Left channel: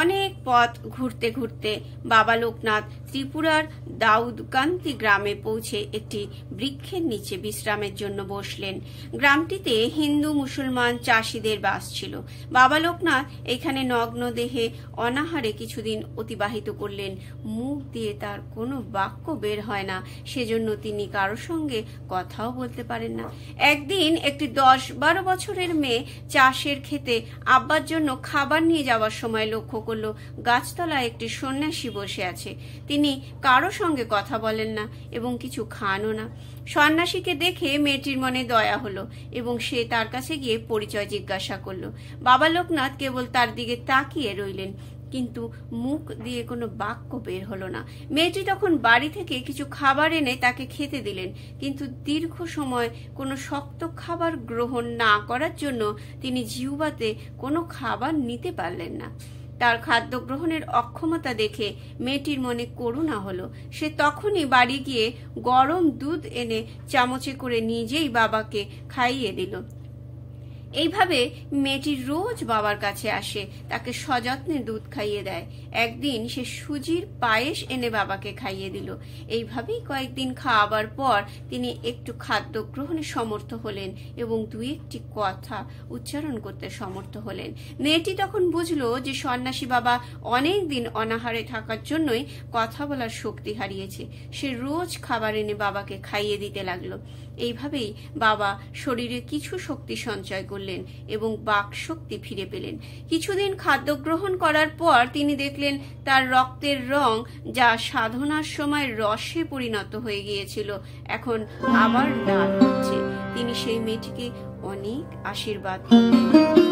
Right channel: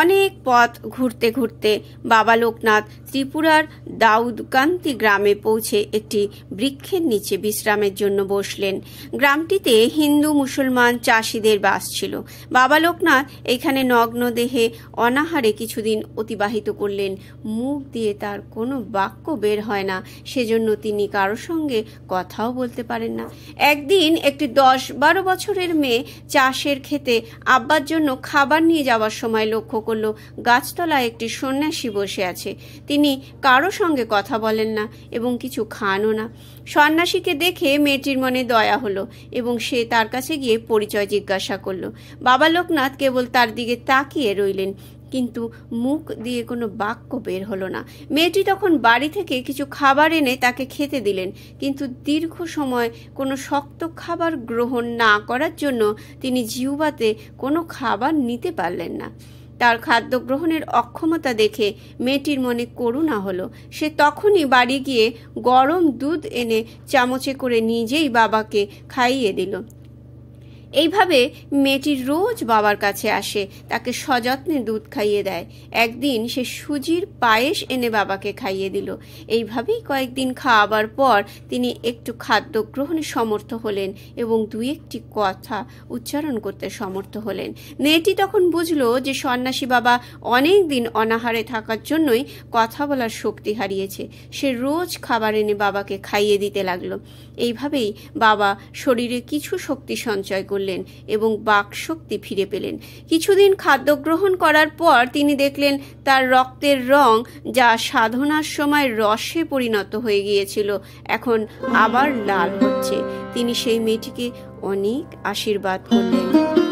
অনেক পথ ঘুরতে ঘুরতে বাবা লোকনাথ ত্রিপুরার দাউদকান্তি গ্রামে পৌঁছে একটি বৃক্ষের নিচে বিশ্রামের জন্য বসলেন। গ্রামটিতে হিন্দু মুসলমান চাষিদের বাস ছিল। বাবা লোকনাথ এখানে নগ্ন দেহে অনাহারে কিছুদিন অতিবাহিত করলেন। মুখ দিয়ে তার কোনো বাক্য বের হয় না, সেজন্য তিনি কারোর সঙ্গে কথাও বলতে পারেন না। একদিন একটি 10-12 বছরের মেয়ে চাষের ক্ষেতে আব্বার জন্য খাবার নিয়ে যাওয়ার সময় লক্ষ্য করল গাছতলায় একটি সন্ন্যাসী বসে আছে। তিনি কারো সঙ্গে কথা বলেন না এবং কিছু খানও না। সন্ন্যাসীকে দেখে মেয়েটির মনে দয়া হলো এবং সে তার কাছে গিয়ে পরিচয় জিজ্ঞাসা করলো। বাবা লোকনাথ কেবল তার দিকে তাকিয়ে রইলেন, কিন্তু মুখ দিয়ে কোনো বাক্য বের হলো না। মেয়েটি তখন বাড়ি থেকে কিছু খাবার এনে তাকে খেতে দিলেন, কিন্তু দীর্ঘ সময় কোনো শক্ত খাবার গ্রহণ না করার জন্য তিনি জিহ্বাতে কোনো খাবার নিতে পারলেন না। তার খাদ্য গ্রহণের অক্ষমতা দেখে মেয়েটির মনে করুণা হলো। সে তখনই বাড়ি গিয়ে গরম দুধ এনে চামচে করে নিজেই বাবাকে খাইয়ে দিল। এইভাবে মেয়েটি রোজ বাবার কাছে আসে, তাকে সযত্নে দুধ খাইয়ে দেয়। একদিন সে সুজির পায়েস এনে বাবাকে খাইয়ে দিল। এইভাবেই কয়েকদিন খাওয়াবার পর তিনি একটু খাদ্য গ্রহণে সমর্থ হলেন এবং 2-1টি কথা উচ্চারণ করতে সমর্থ হলেন। মেয়েটি তখন বুঝলো যে সন্ন্যাসী বাবা অনেক দিন অনাহারে থাকার জন্যই কথা বলার শক্তি হারিয়েছে। সে রোজ খাবার এনে বাবাকে খাইয়ে দিতে লাগলো। এইভাবেই বাবা শরীরে কিছু শক্তি সঞ্চয় করলেন এবং বাক শক্তি ফিরে পেলেন। কিছুদিন খাদ্য গ্রহণ করার পর তিনি দেখলেন তার রক্তের রং, যা সাধনার সময় রসে পরিণত হয়ে গিয়েছিল, এখন আবার লাল হচ্ছে। তিনি সেই মেয়েটিকে অনেক আশীর্বাদ করলেন।